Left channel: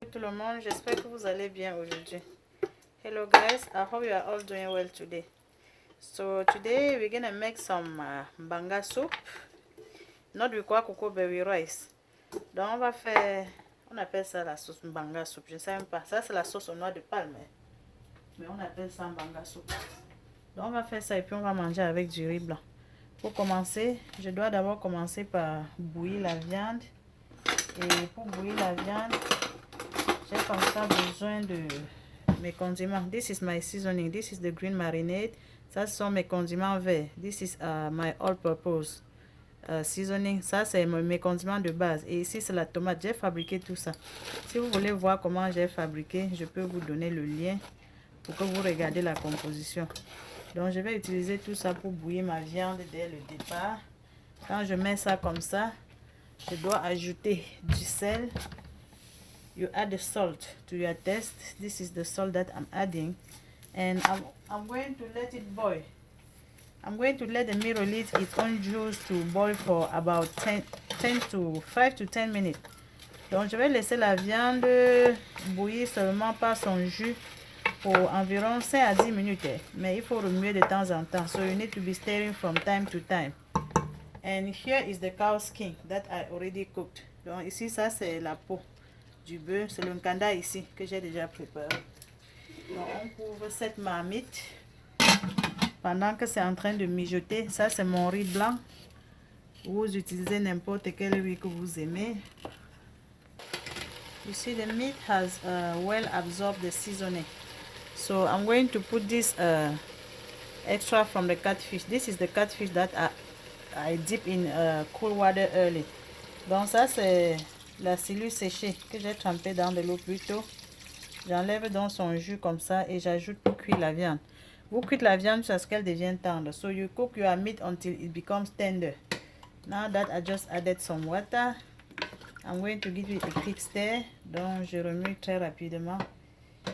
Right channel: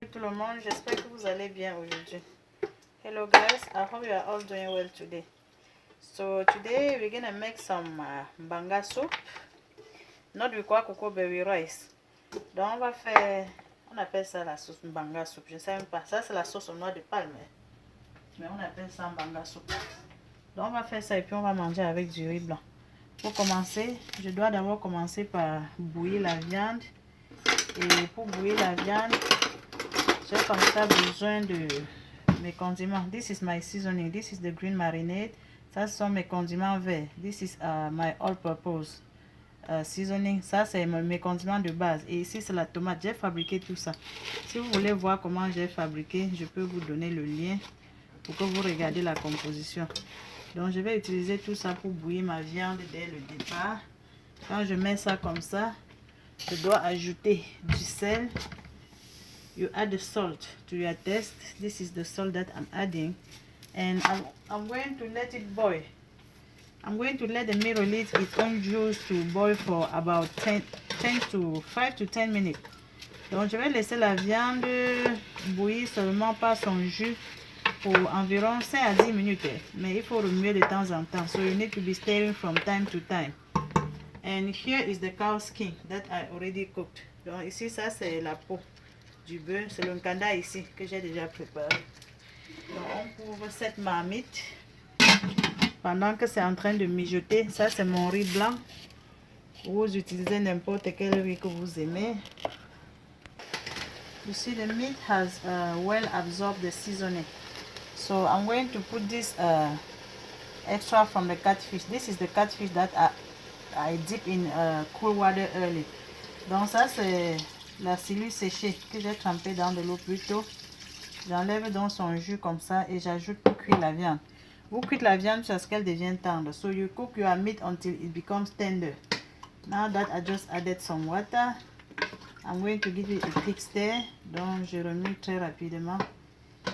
Tout le monde, j'espère que vous allez bien aujourd'hui. Hello guys, I hope you are all doing well today. So today we're gonna make some banga soup, not with cocoa berry rice. Donc on va faire, on appelle ça la sauce banga soup. Je ne sais même pas, ça c'est la sauce au noix de palme, mais on appelle ça banga soup. Donc on va faire ça et puis on va manger avec du riz blanc. Pour commencer, je dois d'abord commencer par bouillir la viande. Et pour bouillir la viande, j'ai comme ça besoin de mes condiments. This is my seasoning. This is the green marinade. Ça, ce sont mes condiments verts. This is my all-purpose seasoning. Ça, c'est mes condiments de base. Et ici, c'est la tomate. J'ai fabriqué tout ça. Si vous voulez voir comment j'ai fabriqué, je peux vous donner le lien pour que vous regardiez la composition. Donc, je vais utiliser tout ça pour bouillir ma viande dès le départ. Quand je mets ça comme ça, je dois ajouter du sel. You add the salt to your taste. This is the salt that I'm adding, and I'm going to let it boil. I'm going to let the meat release its own juice to boil for about 5 to 10 minutes. Donc je vais laisser la viande bouillir seulement par son jus pour environ 5 à 10 minutes, mais il faut remuer de temps en temps. So you need to be stirring from time to time. And here is the cow skin that I already cooked. Donc ici ça c'est la peau du bœuf, c'est le nkanda ici que j'ai déjà préparé. Donc on couvre cette marmite pendant que c'est en train de mijoter. Ça c'est mon riz blanc. Vous utilisez n'importe quel riz que vous aimez. You see the meat has well absorbed the seasoning. So I'm going to put this extra from the catfish. This is the catfish that I dip in cool water early. Donc ça c'est la cellule séchée que j'ai trempée dans de l'eau plus tôt. J'enlève dans son jus comme ça et j'ajoute pour cuire la viande. Vous cuisez la viande jusqu'à ce qu'elle devienne tendre. So you cook your meat until it becomes tender. Now that I just added some water, I'm going to give it a quick stir. Donc je remue très rapidement.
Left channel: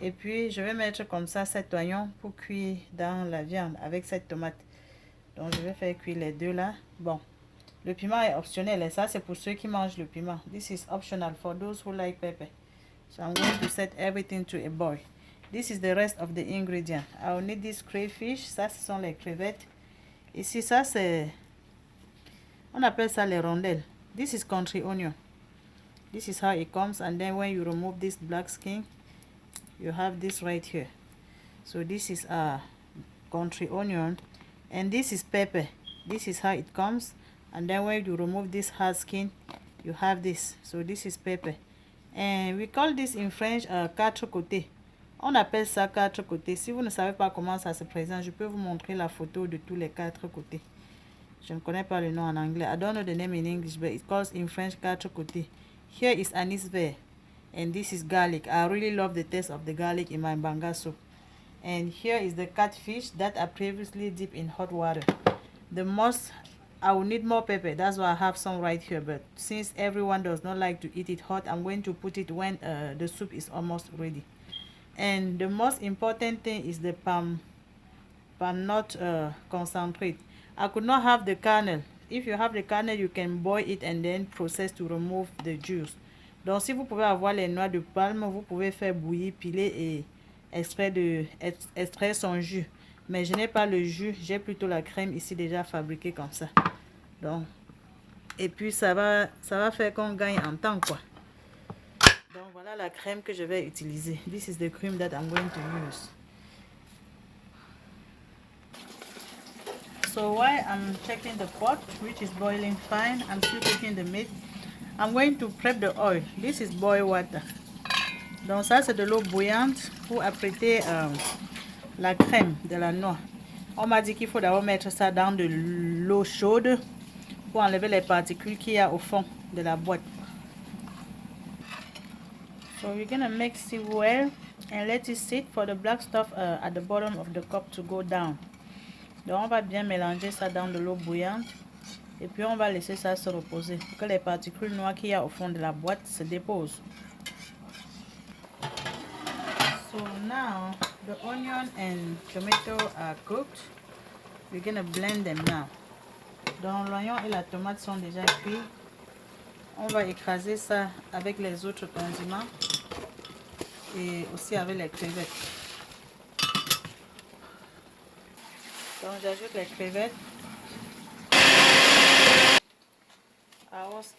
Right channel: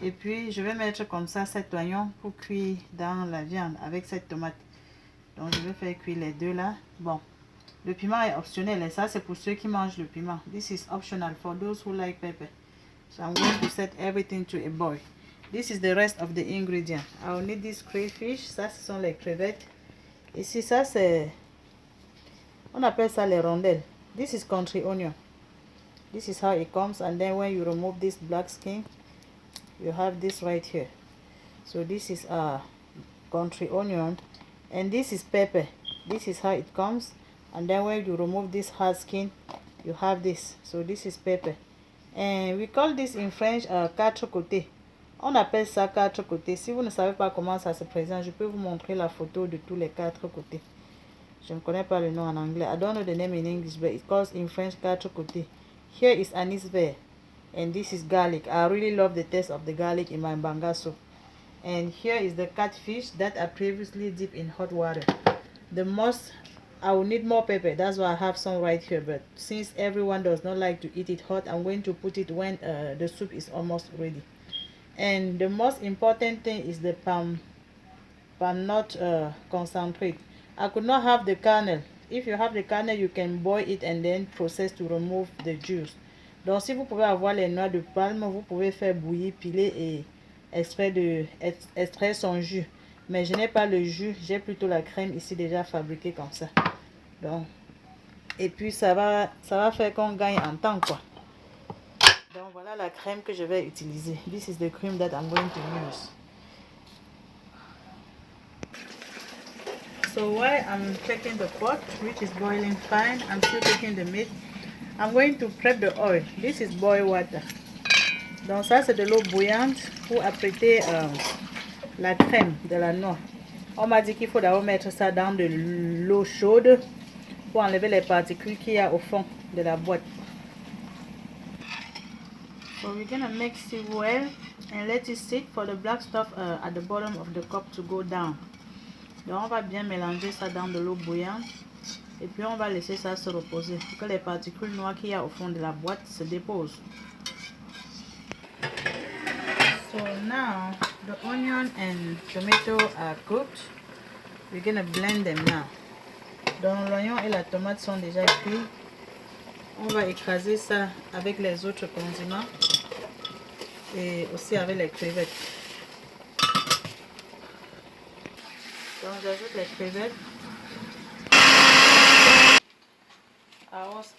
Et puis je vais mettre comme ça 7 oignons pour cuire dans la viande avec cette tomate. Donc je vais faire cuire les deux là. Bon, le piment est optionnel et ça c'est pour ceux qui mangent le piment. This is optional for those who like pepper. So I'm going to set everything to a boil. This is the rest of the ingredient. I'll need this crayfish. Ça ce sont les crevettes. Ici ça c'est, on appelle ça les rondelles. This is country onion. This is how it comes, and then when you remove this black skin, you have this right here. So this is country onion, and this is pepper. This is how it comes, and then when you remove this hard skin, you have this. So this is pepper, and we call this in French quatre côtés. On appelle ça quatre côtés. Si vous ne savez pas comment ça se présente, je peux vous montrer la photo de tous les quatre côtés. Je ne connais pas le nom en anglais. I don't know the name in English, but it calls in French quatre côtés. Here is anise vert, and this is garlic. I really love the taste of the garlic in my banga soup. And here is the catfish that I previously dipped in hot water. I will need more pepper. That's why I have some right here. But since everyone does not like to eat it hot, I'm going to put it when the soup is almost ready. And the most important thing is the palm nut concentrate. I could not have the kernel. If you have the kernel, you can boil it and then process to remove the juice. Donc si vous pouvez avoir les noix de palme, vous pouvez faire bouillir, piler et extraire son jus. Mais je n'ai pas le jus, j'ai plutôt la crème ici déjà fabriquée comme ça. Donc, et puis ça va faire qu'on gagne en temps quoi. Donc voilà la crème que je vais utiliser. This is the cream that I'm going to use. So while I'm checking the pot, which is boiling fine, I'm still cooking the meat. I'm going to prep the oil. This is boiled water. Donc ça c'est de l'eau bouillante pour apprêter la crème de la noix. On m'a dit qu'il faut d'abord mettre ça dans de l'eau chaude pour enlever les particules qu'il y a au fond de la boîte. So we're gonna mix it well and let it sit for the black stuff at the bottom of the cup to go down. Donc on va bien mélanger ça dans de l'eau bouillante et puis on va laisser ça se reposer pour que les particules noires qu'il y a au fond de la boîte se déposent. So now the onion and tomato are cooked. We're gonna blend them now. Donc l'oignon et la tomate sont déjà cuits. On va écraser ça avec les autres condiments et aussi avec les crevettes. Donc j'ajoute les crevettes.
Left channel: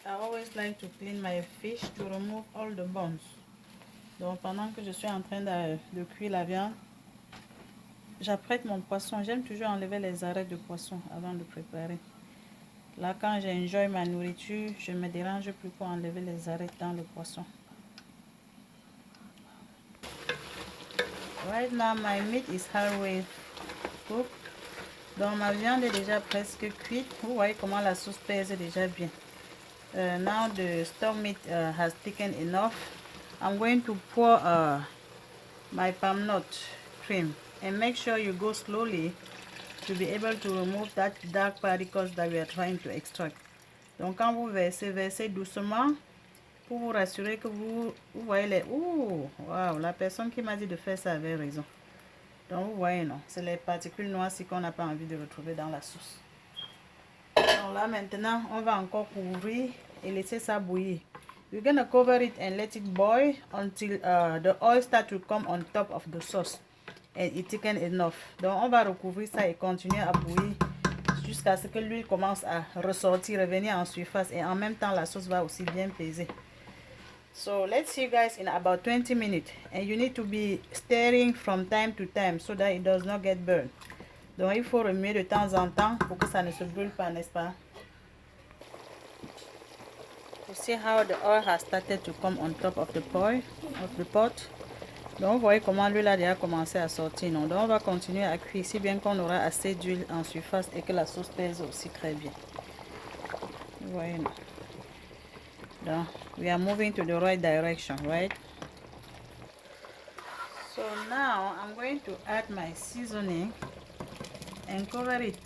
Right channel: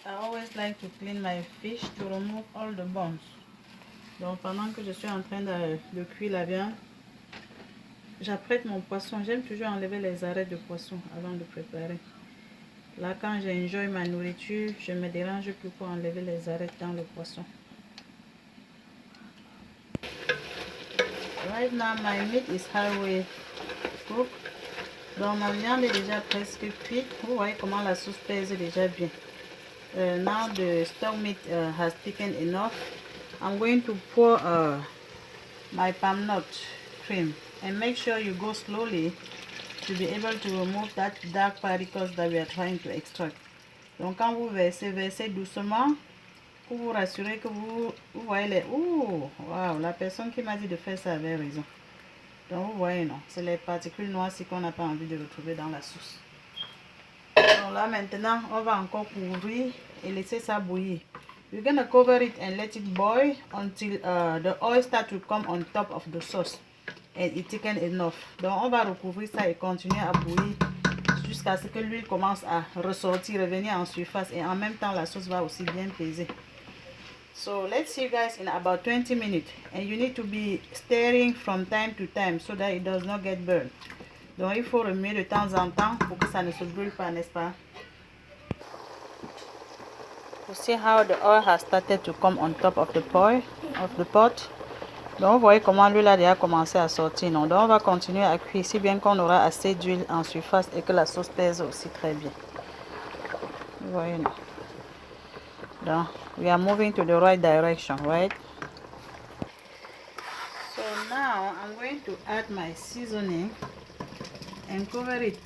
I always like to clean my fish to remove all the bones. Donc pendant que je suis en train de cuire la viande, j'apprête mon poisson. J'aime toujours enlever les arêtes de poisson avant de préparer. Là, quand j'enjoy ma nourriture, je ne me dérange plus pour enlever les arêtes dans le poisson. Right now, my meat is halfway cooked. Donc, ma viande est déjà presque cuite. Vous voyez comment la sauce pèse déjà bien. Now the stock meat has thickened enough. I'm going to pour my palm nut cream. And make sure you go slowly to be able to remove that dark particles that we are trying to extract. Donc quand vous versez, versez doucement pour vous rassurer que vous voyez les... Ouh, wow, la personne qui m'a dit de faire ça avait raison. Donc vous voyez, non, c'est les particules noires-ci qu'on n'a pas envie de retrouver dans la sauce. Donc là maintenant, on va encore couvrir et laisser ça bouillir. You're gonna cover it and let it boil until the oil start to come on top of the sauce. And it thicken enough. Donc on va recouvrir ça et continuer à bouillir jusqu'à ce que l'huile commence à ressortir, revenir en surface, et en même temps la sauce va aussi bien peser. So let's see you guys in about 20 minutes, and you need to be stirring from time to time so that it does not get burned. Donc il faut remuer de temps en temps pour que ça ne se brûle pas, n'est-ce pas? You see how the oil has started to come on top of the pot. Donc vous voyez comment l'huile a déjà commencé à sortir, non? Donc on va continuer à cuire si bien qu'on aura assez d'huile en surface et que la sauce pèse aussi très bien. Vous voyez, non? Donc we are moving to the right direction, right? So now I'm going to add my seasoning and cover it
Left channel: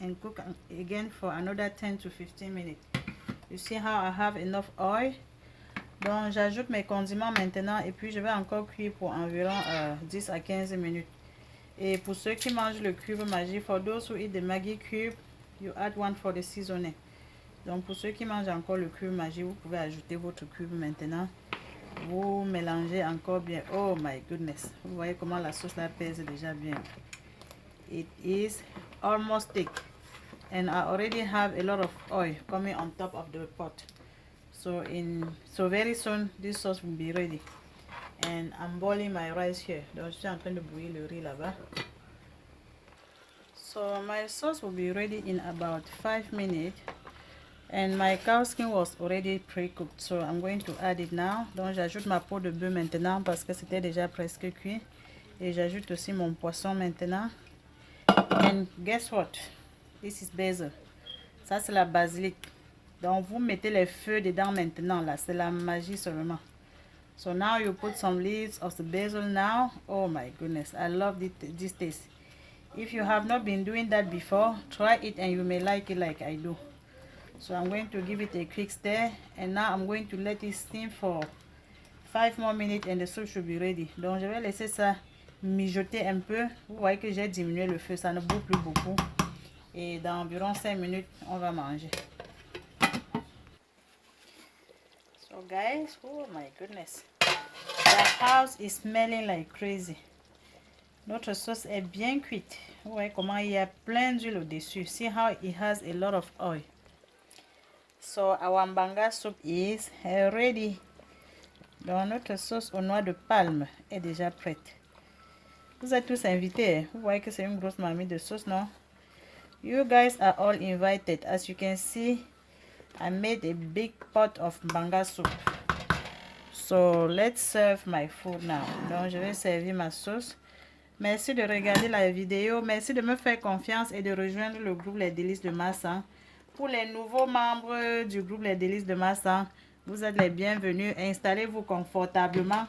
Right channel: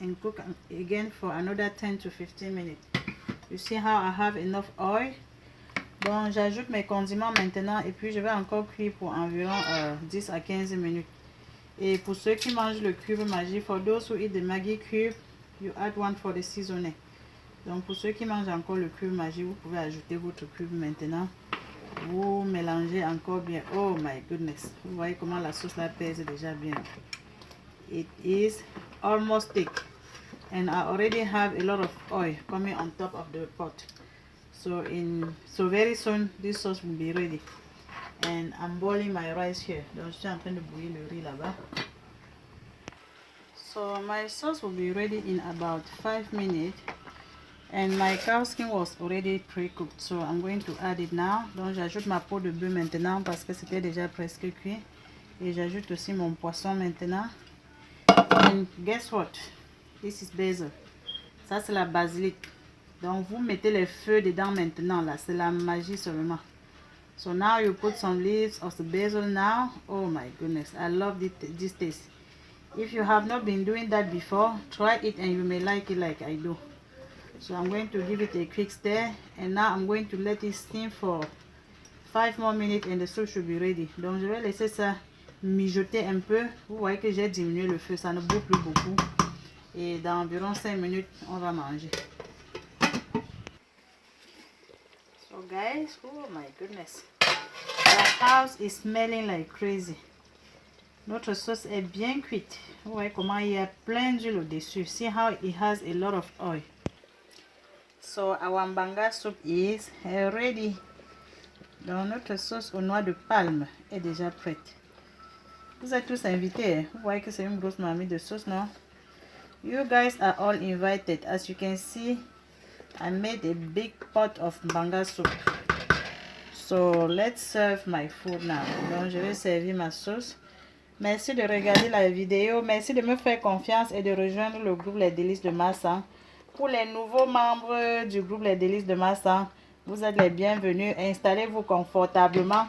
and cook again for another 10 to 15 minutes. You see how I have enough oil? Donc j'ajoute mes condiments maintenant et puis je vais encore cuire pour environ 10 à 15 minutes. Et pour ceux qui mangent le cube Maggi, for those who eat the Maggi cube, you add one for the seasoning. Donc pour ceux qui mangent encore le cube Maggi, vous pouvez ajouter votre cube maintenant. Vous mélangez encore bien. Oh my goodness. Vous voyez comment la sauce la pèse déjà bien. It is almost thick. And I already have a lot of oil coming on top of the pot. So very soon this sauce will be ready. And I'm boiling my rice here. Donc je suis en train de bouillir le riz là-bas. So my sauce will be ready in about 5 minutes. And my cow skin was already pre-cooked. So I'm going to add it now. Donc j'ajoute ma peau de bœuf maintenant parce que c'était déjà presque cuit. Et j'ajoute aussi mon poisson maintenant. And guess what? This is basil. Ça c'est la basilic. Donc vous mettez les feuilles dedans maintenant là. C'est la magie seulement. So now you put some leaves of the basil now. Oh my goodness, I love this taste. If you have not been doing that before, try it and you may like it like I do. So I'm going to give it a quick stir, and now I'm going to let it steam for 5 more minutes and the soup should be ready. Donc je vais laisser ça mijoter un peu. Vous voyez que j'ai diminué le feu, ça ne bout plus beaucoup. Et dans environ 5 minutes, on va manger. So guys, oh my goodness, the house is smelling like crazy. Notre sauce est bien cuite. Vous voyez comment il y a plein d'huile au-dessus. See how it has a lot of oil. So our mbanga soup is ready. Donc notre sauce aux noix de palme est déjà prête. Vous êtes tous invités. Vous voyez que c'est une grosse marmite de sauce, non? You guys are all invited. As you can see, I made a big pot of mbanga soup. So let's serve my food now. Donc je vais servir ma sauce. Merci de regarder la vidéo. Merci de me faire confiance et de rejoindre le groupe Les Délices de Massa. Pour les nouveaux membres du groupe Les Délices de Massa, vous êtes les bienvenus. Installez-vous confortablement.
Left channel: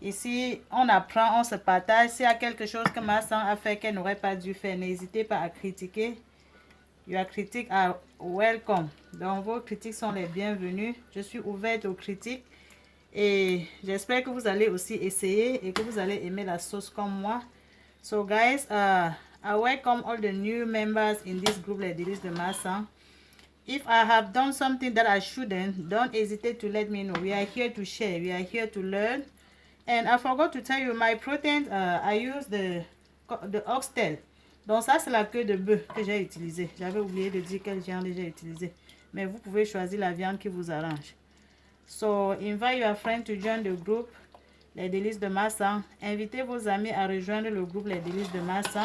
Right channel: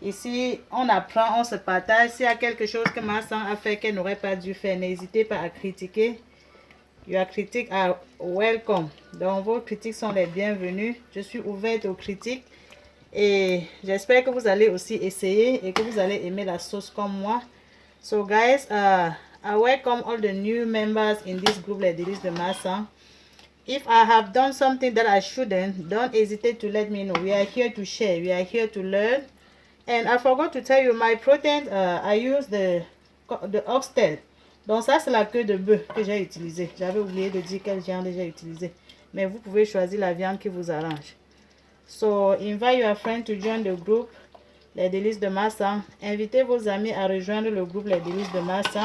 Ici, on apprend, on se partage. S'il y a quelque chose que Massa a fait qu'elle n'aurait pas dû faire, n'hésitez pas à critiquer. Your critiques are welcome. Donc, vos critiques sont les bienvenues. Je suis ouverte aux critiques. Et j'espère que vous allez aussi essayer et que vous allez aimer la sauce comme moi. So guys, I welcome all the new members in this group Les Délices de Massa. If I have done something that I shouldn't, don't hesitate to let me know. We are here to share. We are here to learn. And I forgot to tell you, my protein, I use the oxtail. Donc ça, c'est la queue de bœuf que j'ai utilisée. J'avais oublié de dire quelle viande j'ai utilisée. Mais vous pouvez choisir la viande qui vous arrange. So, invite your friend to join the group Les Délices de Massa. Invitez vos amis à rejoindre le groupe Les Délices de Massa.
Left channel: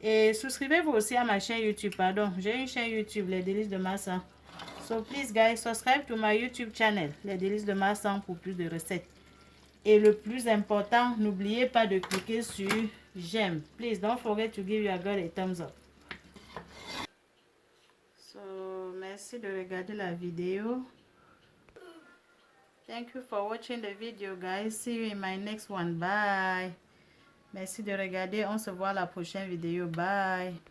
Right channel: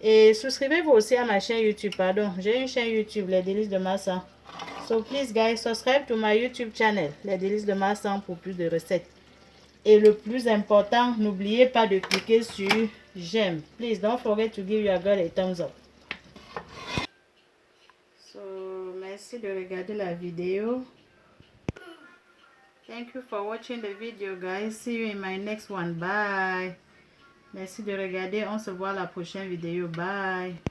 Et souscrivez-vous aussi à ma chaîne YouTube. Pardon, j'ai une chaîne YouTube, Les Délices de Massa. So please guys, subscribe to my YouTube channel, Les Délices de Massa, pour plus de recettes. Et le plus important, n'oubliez pas de cliquer sur j'aime. Please don't forget to give your girl a thumbs up. So, merci de regarder la vidéo. Thank you for watching the video, guys. See you in my next one. Bye. Merci de regarder. On se voit la prochaine vidéo. Bye.